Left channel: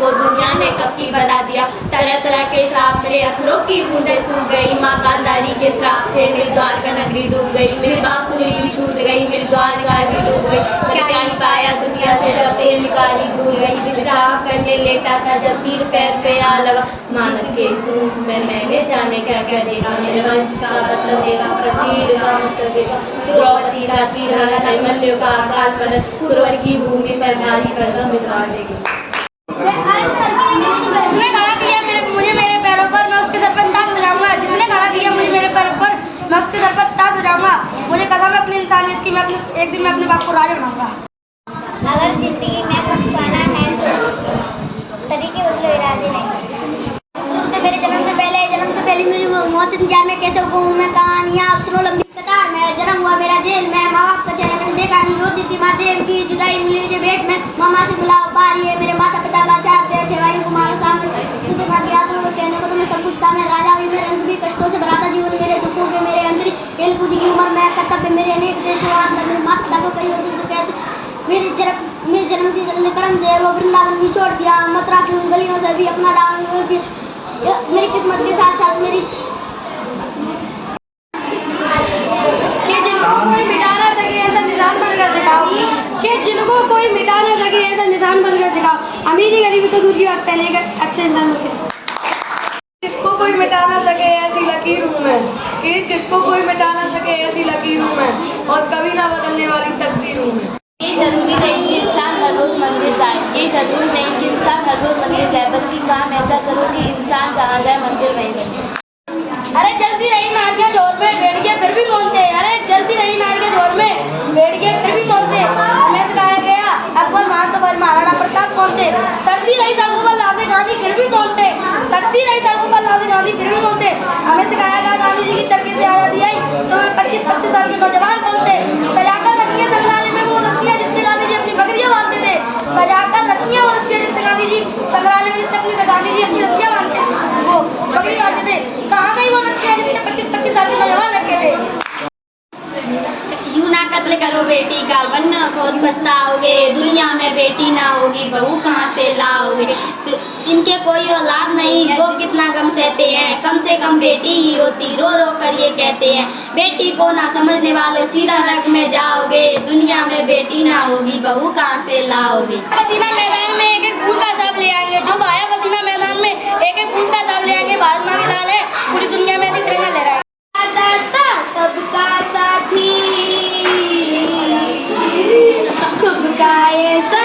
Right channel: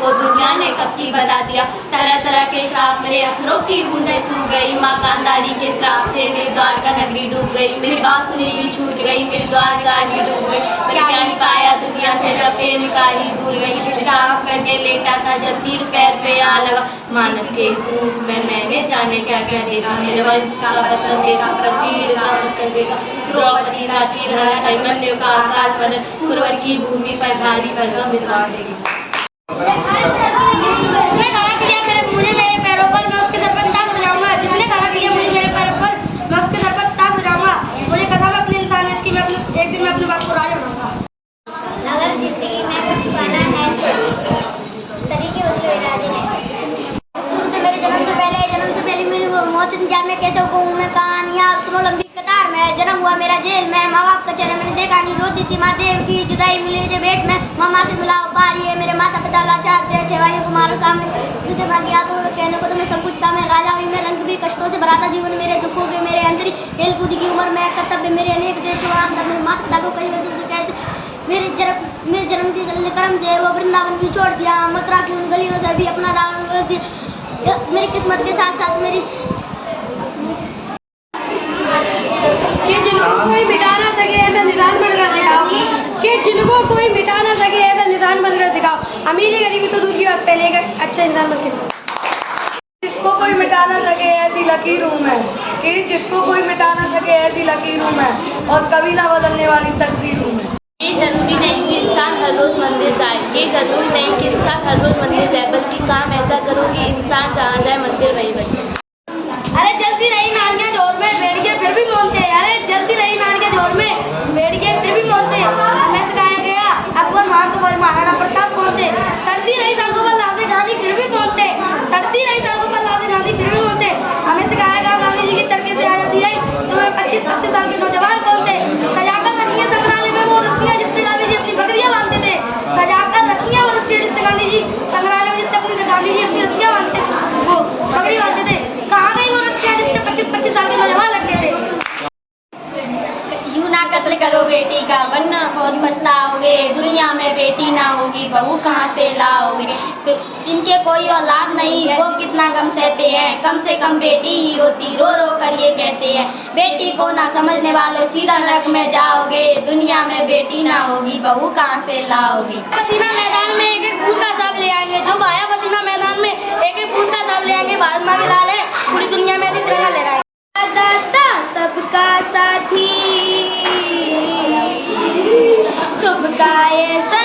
को दुनिया ने कपटी बना दिया। तरह तरह के श्राप मेरे असरों की बूंदें सूख गई। माँ गांधारी के श्राप से मेरी द्वारका नगरी डूब गई। मेरी बांसुरी भी छूट गई, मेरी द्वारका भी डूब गई। क्या ही पाया दुनिया से जब प्रेमिकारी दूर गई। पेशाब करके लेटा था जब तीर पैर पे आ लगा। मानव के रूप में मैंने जाने क्या क्या देखा। मेरे वंश का पतन देखा, प्रतीक का मस्तक देखा। द्रौपदी का चीरहरण, अभिमन्यु का अकाल मरण, कुरवर की भूमि पर भारी भरकम विद्वान जी। मुझे मेरे पैरों पर मैं उसके सर पर ताज सजाऊंगा। जिसने खड़ा किया मुझे मेरे पैरों पर मैं उसके सर पर ताज सजाऊंगा। मुझे कसम है अपनी इंसानियत की, मैं एक दिन मैं अपने बाप को राजा बनाऊंगा। अगर जिंदगी में कुछ पाना है तो तरीके बदलो, इरादे नहीं। मेरे जन्म से पहले मेरी मौत इंतजार में कैसे उपमूं मैं कहानियाँ सुनो लंबी कतार में। जन्म हुआ मेरा जेल में, माँ बाप का चेहरा मैंने देखा नहीं। रोती थी माँ देव की जुदाई मिली मुझे भेंट में। मामा से बुलाओ पारी है, मेरे माता पिता लाचार थे। छह भाइयों को मारो सामने सीधे मार दिया तो कहने को तो मैं सब कुछ था। मैं राजा हुई, मैं रंग भी कष्टों से भरा था जीवन मेरे, दुखों के मेरे अंतरी खेल कूद की उम्र में कर्तव्य मेरे अनेक देश मेरे माता पिता को कई वसूल कैसे मेरे जन्म की जल्दी कर्म से वो वृंदावन भी छोड़ दिया। मथुरा की उन गलियों से भी अपना दामन मेरी किस्मत के साथ साथ मेरी जिनको कोई मिटा ना सके ऐसा निशान बन कर दिखाओ। कि जिनको कोई मिटा ना सके ऐसा निशान बन कर दिखाओ। अमीरी गरीबी तो दूर की बात, पहले एक अच्छे इंसान बनते। जिसको कोई मिटा ना सके ऐसी लकीर हूँ मैं, कि जिसको कोई मिटा ना सके ऐसी लकीर हूँ मैं, और कभी ना बदलने वाली तकदीर हूँ मैं। ये जरूरी नहीं कि इंसान हर रोज मंदिर जाए। ये जरूरी नहीं कि इंसान हर रोज मंदिर जाए, बल्कि काम ऐसा करो कि इंसान जहाँ जाए मंदिर वही बने। अरे जल्दी रही नारियाँ जोर में, बैठ गए फिर भी मोलते। अरे जल्दी रही नारियाँ जोर में, बैठ गए फिर भी मोलते। हमें सिखाया गया अकबर महान तो महाराणा प्रताप बोलते। सड़ती रही सड़कों पर लादे गांधी फिर भी बोलते। सड़ती रही सड़कों पर लादे गांधी फिर भी बोलते। हमें सिखाया गया गांधी जी की चरखे से आजादी आई तो हमें 25-25 साल के नौजवान बोलते। सजाकर रखिए संग्रहालय में वो रस्सियाँ जिससे गांधी जी अपनी बकरियाँ बांधते थे। सजाकर रखिए वो रस्सियाँ जिससे गांधी जी संग्रहालय में जिससे गांधी जी अपनी रस्सियाँ बांधते, वो बकरी बांधते थे। कहाँ गई वो रस्सियाँ जिससे 25-25 साल के नौजवान लटके थे। यूं ना कत्ल करो बेटी का वरना बहुत पछताओगे। दुनिया में बेटी ना होगी बहू कहाँ से लाओगे। इनके कोई औलाद नहीं वो कितना गम सहते हैं। कम से कम बेटी ही होती रो रो कर ये कहते हैं। बेटी को ना समझने वालों सीधा नरक में जाओगे। दुनिया में बेटी ना होगी बहू कहाँ से लाओगे। पसीना मैदान में एक एक बूंद का हिसाब ले आएंगे। जो भाया पसीना मैदान में एक एक बूंद का हिसाब ले आएंगे। भारत माँ के लाल है, पूरी दुनिया में अधिक तिरंगा ले रहा है। सबका साथी सबका ऐसा